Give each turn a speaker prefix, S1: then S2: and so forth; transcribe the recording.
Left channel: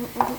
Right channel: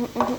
S1: 我我都